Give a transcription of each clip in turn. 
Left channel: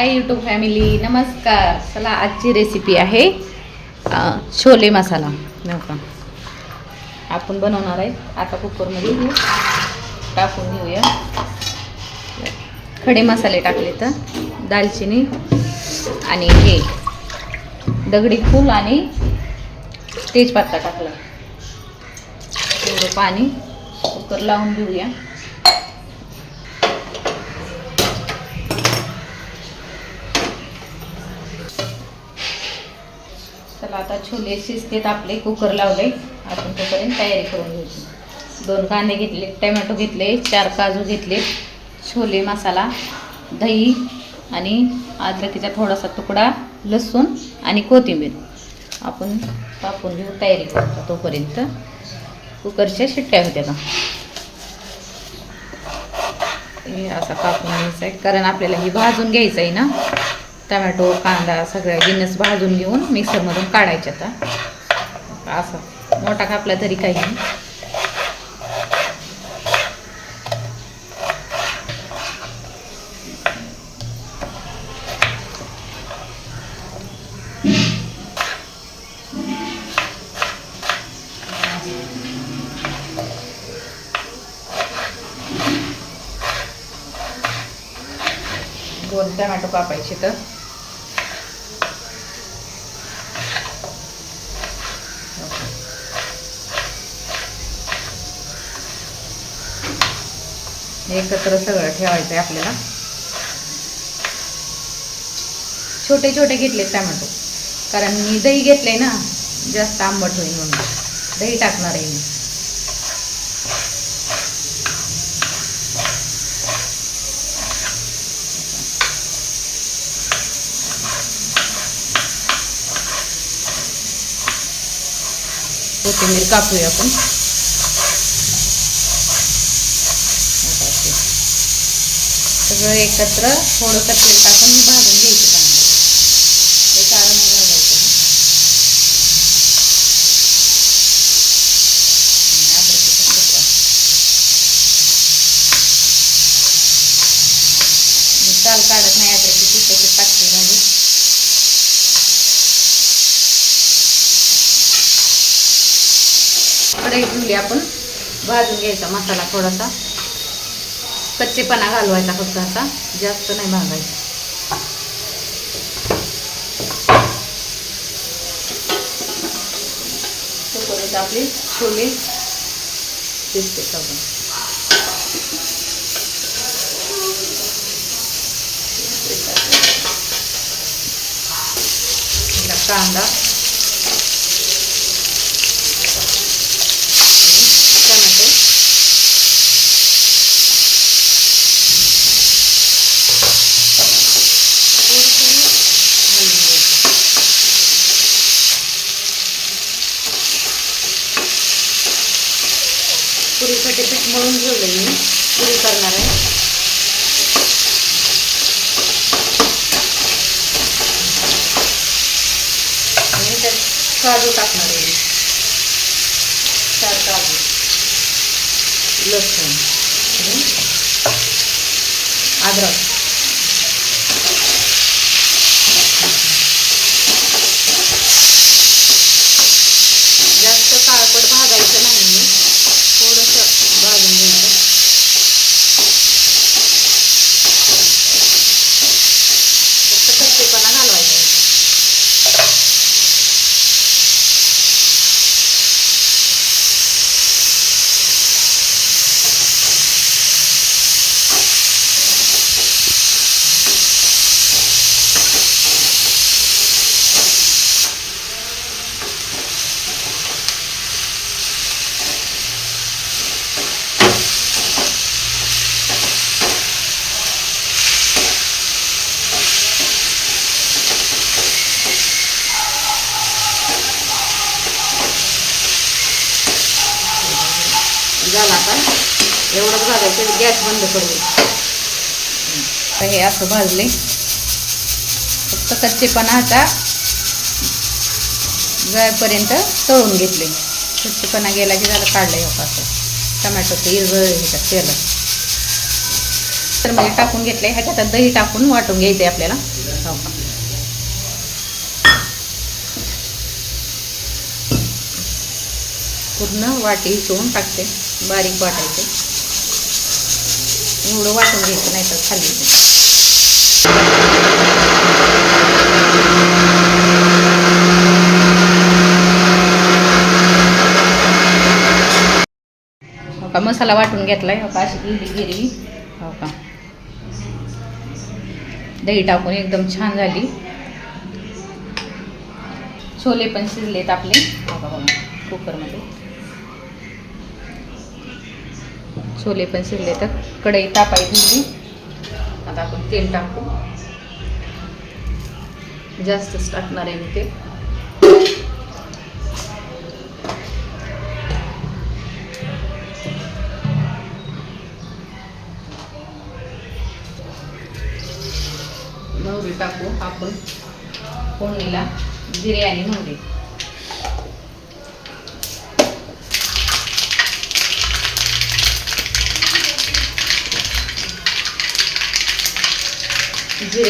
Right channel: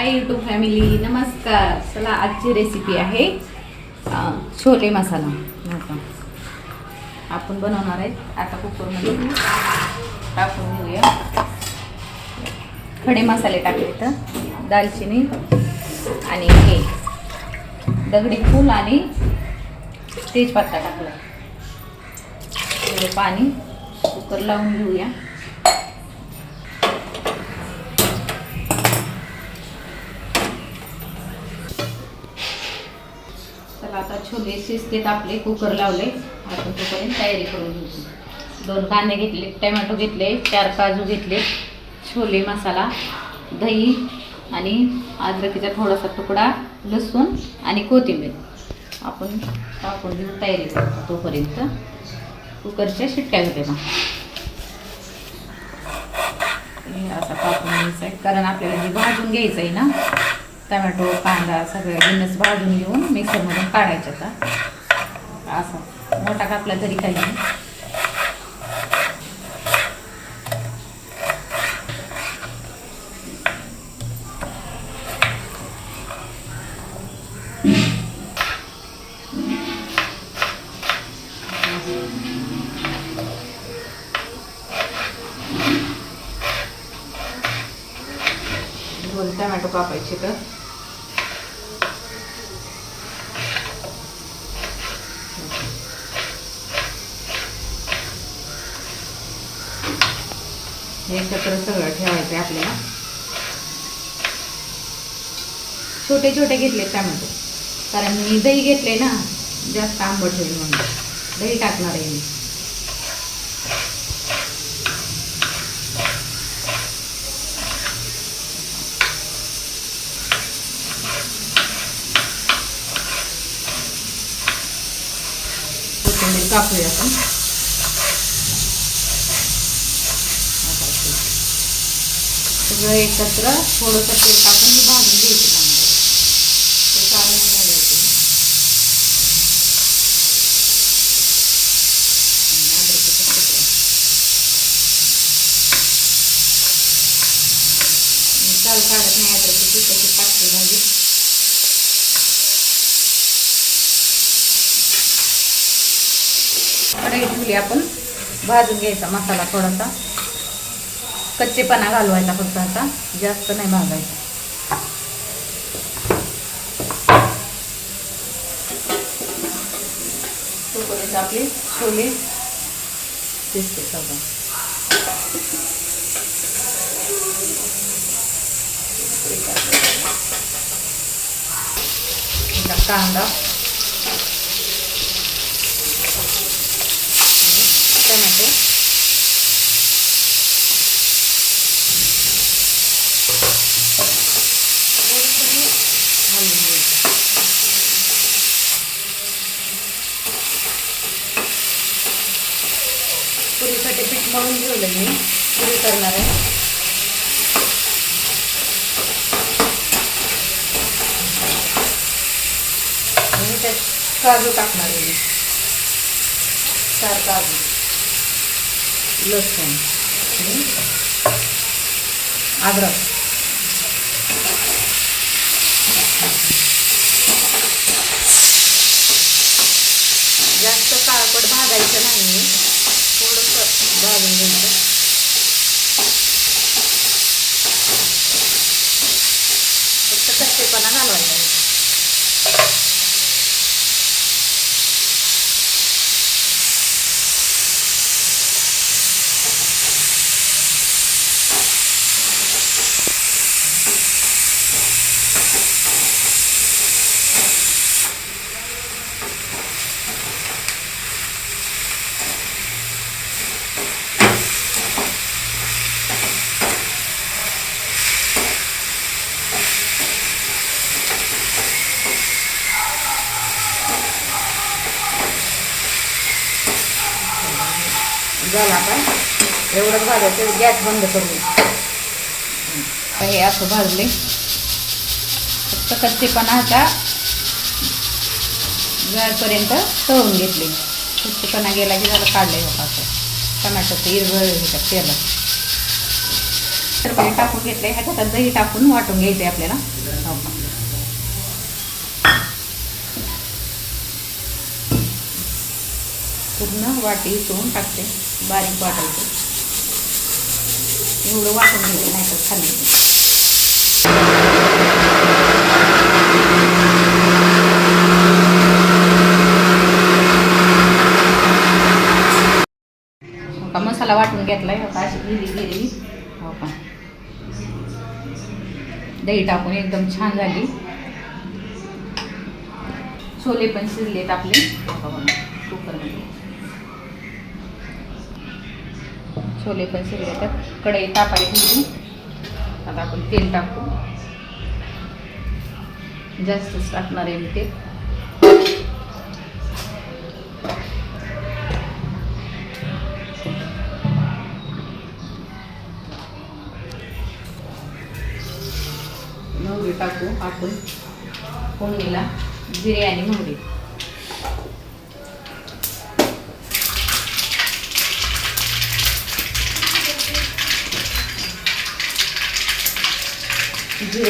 Hi YouTube family नमस्कार. चला आजची रेसिपी आहे छोले मसाला. आपण. आपण बनवणार आहे. आता कुकरमध्ये टाकून घेऊया. खडे मसाले टाकले तर दालचिनी आणि हे दगडी फूल आणि तेजपत्ता टाकला पाणी कुकर लावून घेऊया. छोले शिजतेत आपले कुकर लावले. आपण तोपर्यंत तयारी करून घेऊ दोन कांदे घेतले टमॅटो घेतले चार काजू घेतले छोले मसाला दही आणि अद्रकीचा थोडासा तुकडा लसूण आणि कोथिंबीर. आपण टाकून घेऊ तयारी. करतो तोपर्यंत कुकरच्या शिट्ट्या होत्या का असा कापून घ्यायचा आहे कारण आपल्याला हे भाजून घ्यायचं आहे ना. टमॅटो कांदा सगळं जिन्नस भाजून घेऊन मिक्सरमधून काढायचे आता. असं. मोठा कापला तरी काही नाही. दोन टमॅटो कापायचे तर. एकत्र सगळं ठेवायचं आहे आपल्याला. छोटे छोटे घेतले टमॅटो. कारण मी दही घेतले ना जास्त आंबट होईल म्हणून. दही टाकणार आहे मी. कोथिंबीर कापूया आपण आता असे. सगळं एकत्र थोडंसं तेल टाकून मी भाजून घ्यायचं चांगलं. ते काढून घालायचं. आणि काढत नाही अद्रकीची त्याची टाकली म्हणजे कढई ठेवली आपण भाजून घ्यायचा मसाला थोडासा. कच्चेपणा घालवायचा फक्त आता. जास्त नाही भाजायचा. तोपर्यंत आपले छोले दिसते सगळं. कांदा टमॅटो थोडंसं घालून घ्यायचं पुरीसाठी पीठ मळून ठेवलं मी पुरी करणार आहे. आणि त्यात काजू टाकणार आहे मी. चार काजू. लसूण. अद्रक जास्त काळपट भाजायचं नाही मी थोडंसं भाजून घ्यायचं फक्त कच्चेपणा घालवायचा ह्याच्यात. झाला आता. एवढंच भाजायचं गॅस बंद करू हे असं भाजले. फक्त कच्चेपणा आता जायपर्यंत तळून घेतले. कच्चेपणा गेला की झालं काढलं हे असं. टमॅटोचं हिरवळ ह्याच्यात केलं. तर मी टाकून घेतले ह्याच्यात दही टाकून वाटून घ्यायचंय आपल्याला हो का. पूर्ण वाटी हिसवून टाकते. बारीक वाटायचे. एवढं वाटून घ्यायचं नाही तर खाल्ली हो का मसाला वाटून घेतलाय. आहे का अशी गिरवी गिरवी हो का. दही टाकून एकदम छान झाली. छोले पण शिजलेत आपले. हो कुकरमध्ये. छोले पण शिरले तर कढई तापायची होती. आता आपण तेल टाकू. जास्तच टाकणार आहे मी ते. मोहरी टाकू आपण फोडणीला. जिरे आणि मोहरी.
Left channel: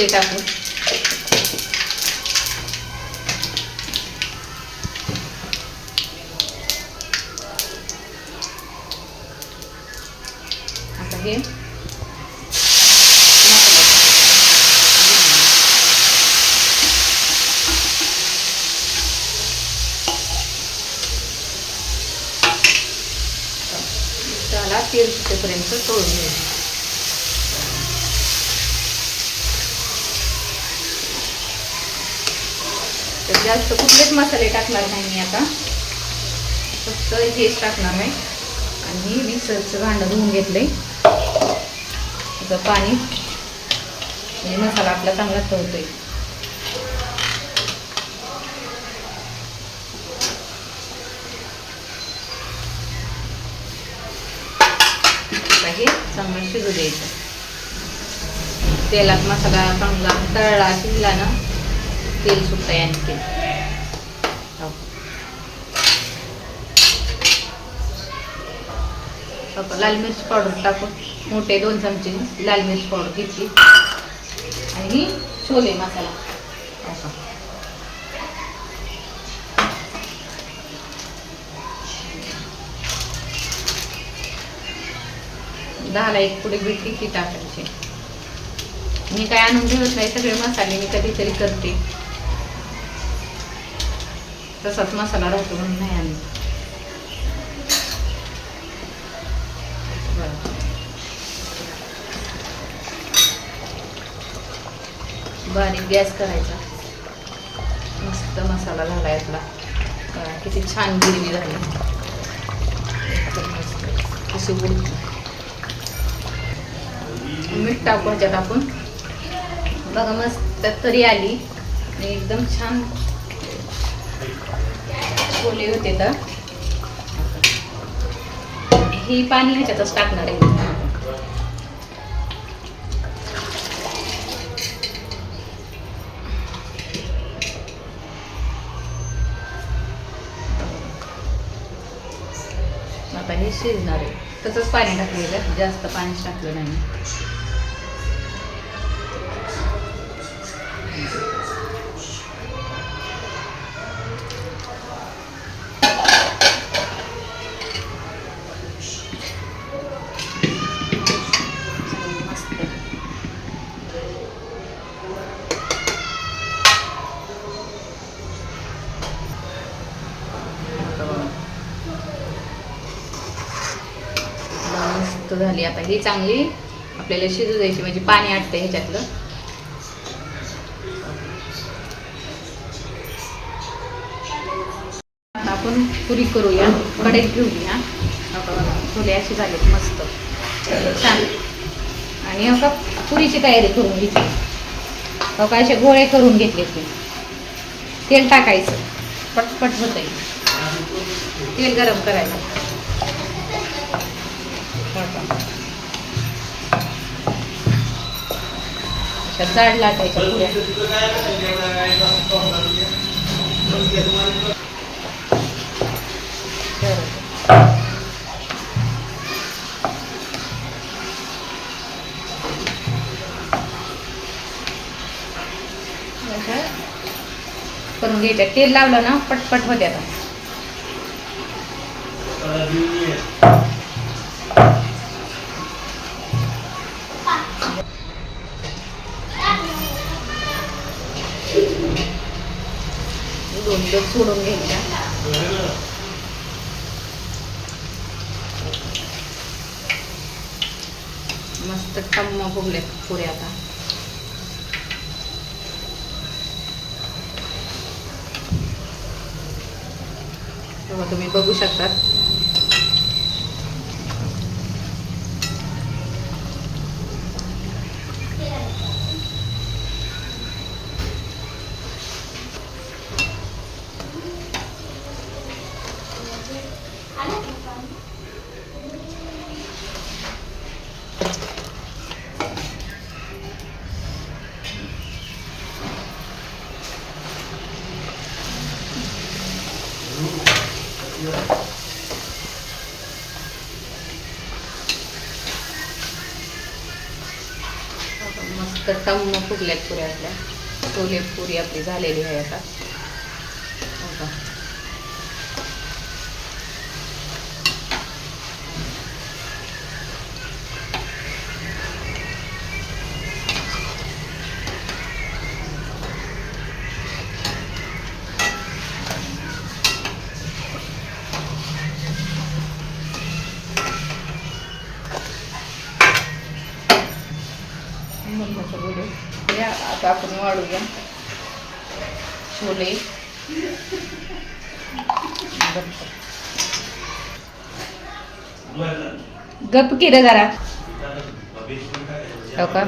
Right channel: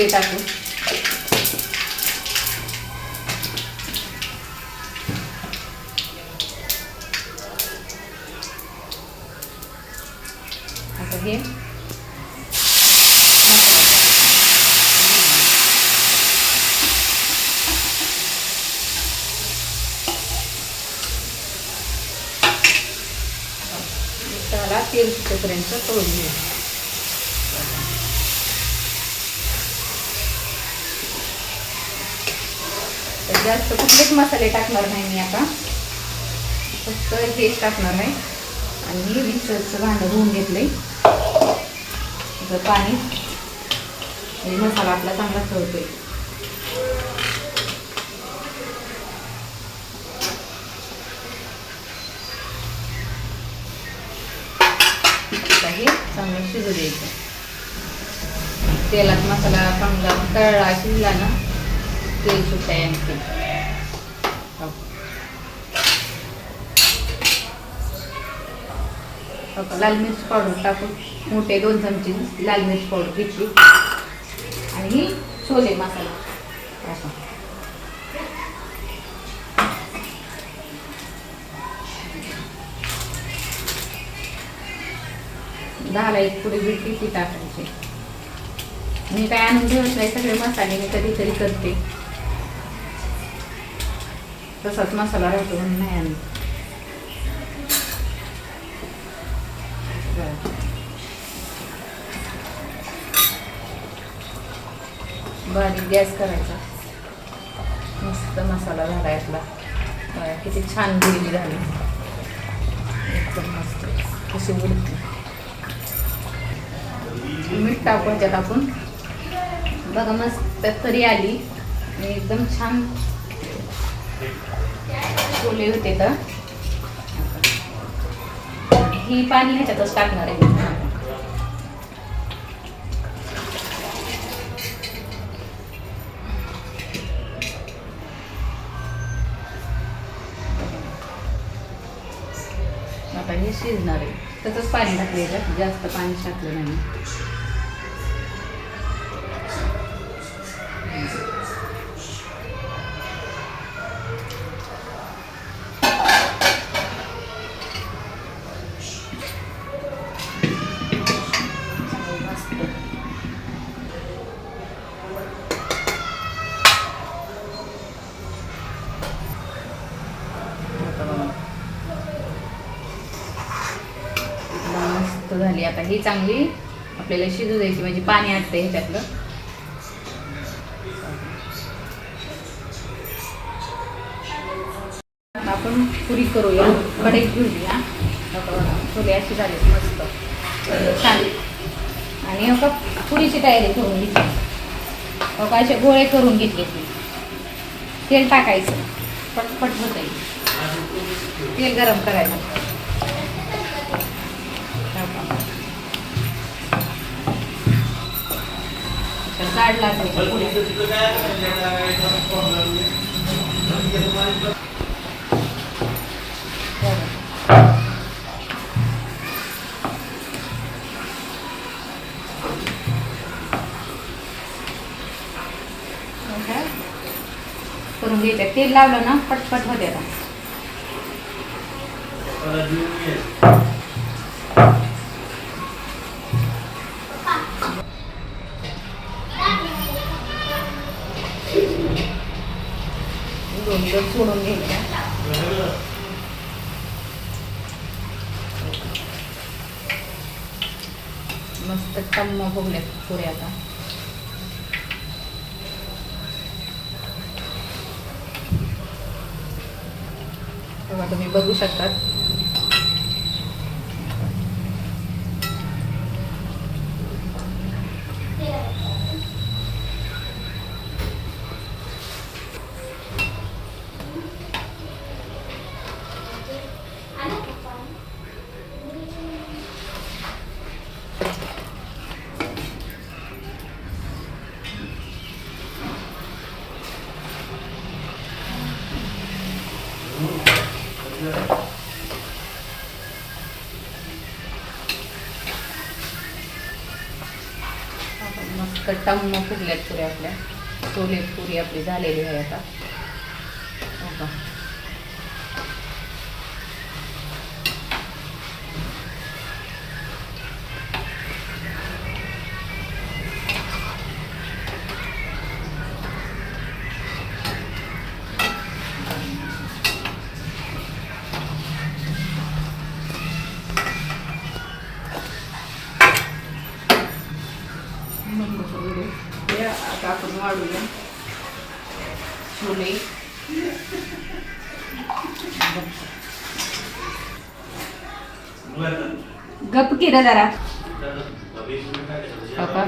पुढे टाकू. आता हे. त्याला तेल सुटेपर्यंत तळून घ्यायचं जास्त कुठलेच मसाले टाकणार नाही मी आता. फक्त हेच टाकणार आहे. आणि मी मिक्सरचं भांडं धुवून घेतलंय. त्याचं पाणी. म्हणजे मसाला आपला चांगला फळतोय हे चांगलं शिजू द्यायचं. तेलात मसाला चांगला तळला शिजला ना तेल सुद्धा आणखी हो. लाल मिरची पावडर टाकून मोठे दोन चमचे लाल मिरची पावडर घेतली. आणि छोले मसाला. हो दहाला एक पुढे भेटली ती टाकायची? मी काय आणून ठेवत नाही सगळे मसाले मी कधीतरी करते. तसाच मसाला राहतो म्हणून नाही आणत. बरं. बारीक गॅस करायचा. मस्त मसाला झाला यातला किती छान गिरवी झाली. एकदम मस्त. कशी उडत. मीठ टाकू ह्याच्यात आपण. बघा मस्त तरी आली. आणि एकदम छान छोले होते तर. ही पाणी ह्याच्यातच टाकणार आहे आता हे शिजणार आहे. तसंच पाणी टाकलेलं जास्त पाणी टाकलं नाही. झाली. आता ही चांगली आपल्याला शिजू द्यायची म्हणजे पाणी आटते ह्याच्यातलं. आता आपण पुरी करूया. कढईत घेऊया छोले अशी झाली मस्त. छान. आणि हो का पुरीची तयारी करून घेतली हो का असे गोळे करून घेतले ते तेल टाकायचं. पटपट होत तेल गरम करायला. काढला करून घ्यायच्या. तेल लावलं ना पटपट होत्या दोन लोक सोडून घ्यायच्या मस्त टम्म फुगले पुरे आता. तेव्हा तुम्ही बघू शकतात. आता म्हणून टम्म फुगल्यात पुऱ्या आपल्या छोले पुरी आपली झालेली आहे आता. आता आपण छोले गप जरा. हो का?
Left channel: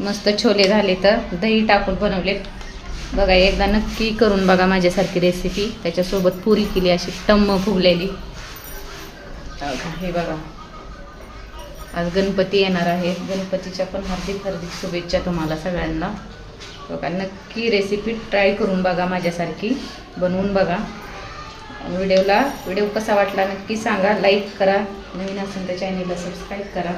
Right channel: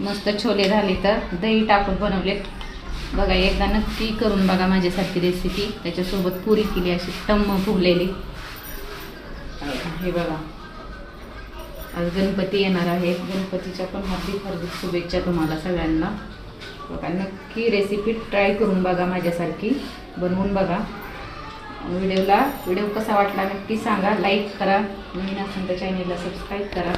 मस्त छोले झाले तर दही टाकून बनवले बघा एकदा नक्की करून बघा माझ्यासारखी रेसिपी त्याच्यासोबत पुरी केली अशी टम्म फुगलेली. हे बघा. आज गणपती येणार आहे. गणपतीच्या पण हार्दिक हार्दिक शुभेच्छा तुम्हाला सगळ्यांना. बघा नक्की रेसिपी ट्राय करून बघा माझ्यासारखी. बनवून बघा. व्हिडिओला व्हिडिओ कसा वाटला नक्की सांगा. लाईक करा. नवीन असेल तर चॅनेलला सबस्क्राईब करा.